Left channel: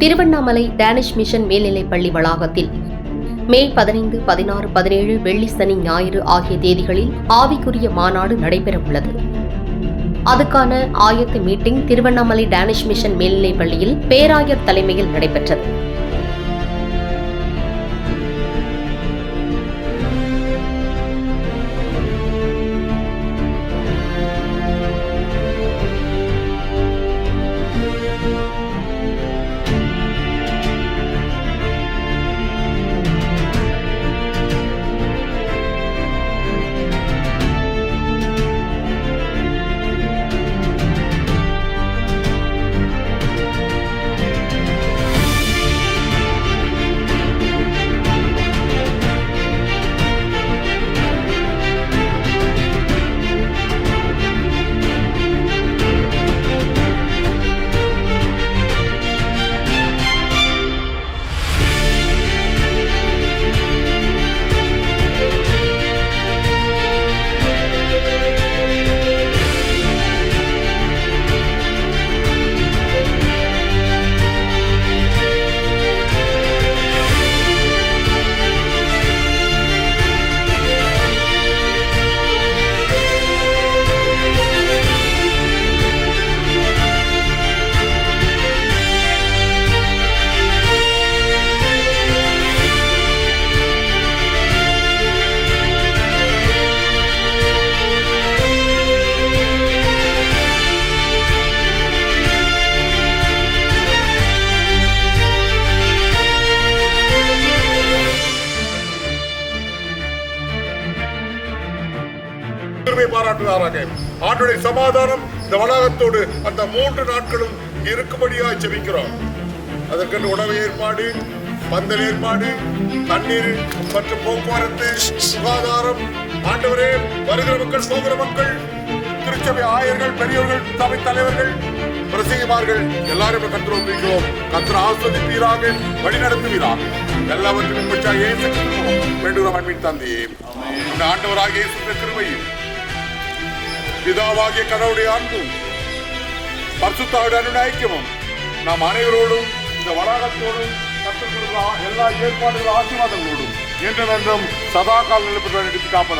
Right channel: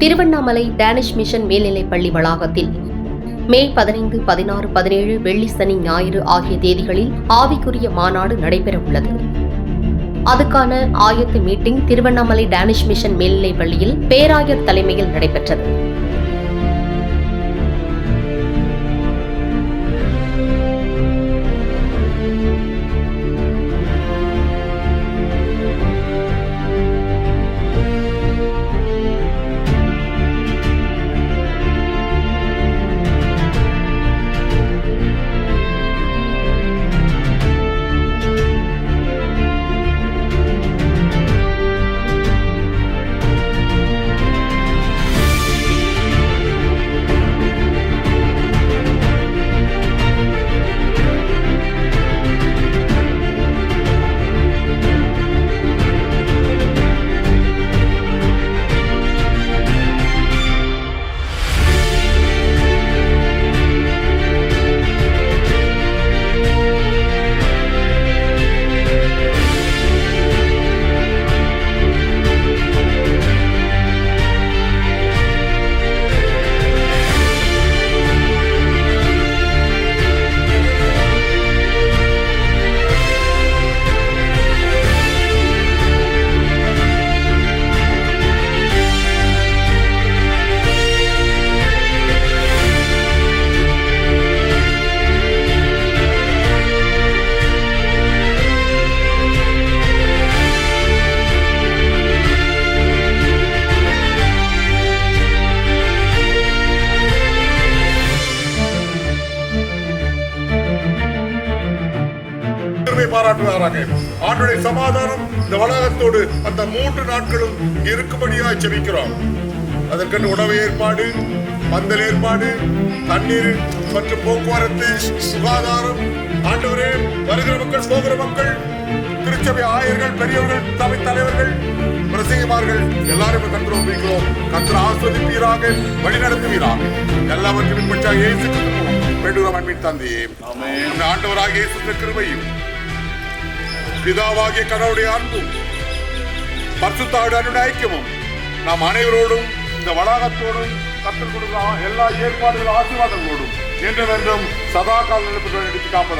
Tiruvannamalai Danish mission மேல்நிலைப்பள்ளி வளாகத்தில் மே 15, 16, 17 வெள்ளி, சனி, ஞாயிறு ஆகிய தேதிகளில் ஆவிக்குரிய மாநாடு நடைபெறவுள்ளது. அதுக்கான ஆயத்த மீட்டிங் திருவண்ணாமலை டேனிஷ் மிஷன் மேல்நிலைப்பள்ளியில் பேராயர் தலைமையில் நடைபெற்றது. பாராட்டுவாராக. ஆண்டுடைய சமாதானம் இந்த வளாகத்தோடு அந்த 3 நாட்களும் இருக்கும்படியாக ஜெபிக்கிறோம். அதற்கென்று உணவு ஏற்பாடு, பந்தல் ஏற்பாடு, தண்ணீர் மற்றும் போக்குவரத்து, சுகாதாரம், ஆண்டவரே வருகிற மக்கள் போகிற மக்கள், திருச்சபை ஆயர்கள், பெரியவர்கள், சபை தலைவர்கள், பிரசங்கிமார்கள் எல்லாரும் கர்த்தரை ஒப்புவிக்கிறோம். கர்த்தர் ஆஸ்வதிப்பீராக, வழி நடத்துவீராக. எல்லாவற்றையும் பின்பற்றாக இயேசு கிறிஸ்து மூலம் வேண்டுகிறோம் அன்பின் தந்தையே. நம்முடைய ஆண்டவராகிய இயேசு கிருபையும் பிதாவாகிய கடவுளுடைய அன்பும் பரிசுத்தாவின் அன்பின் ஐக்கியமும் நாம் அனைவரோடும் இந்த வளாகத்தோடும் கர்த்தர் கொடுத்த எல்லா ஏற்பாடுகள் ஆசீர்வாதங்களோடும் என்றும் சதா கால நிலைப்பட்டு காப்பதா.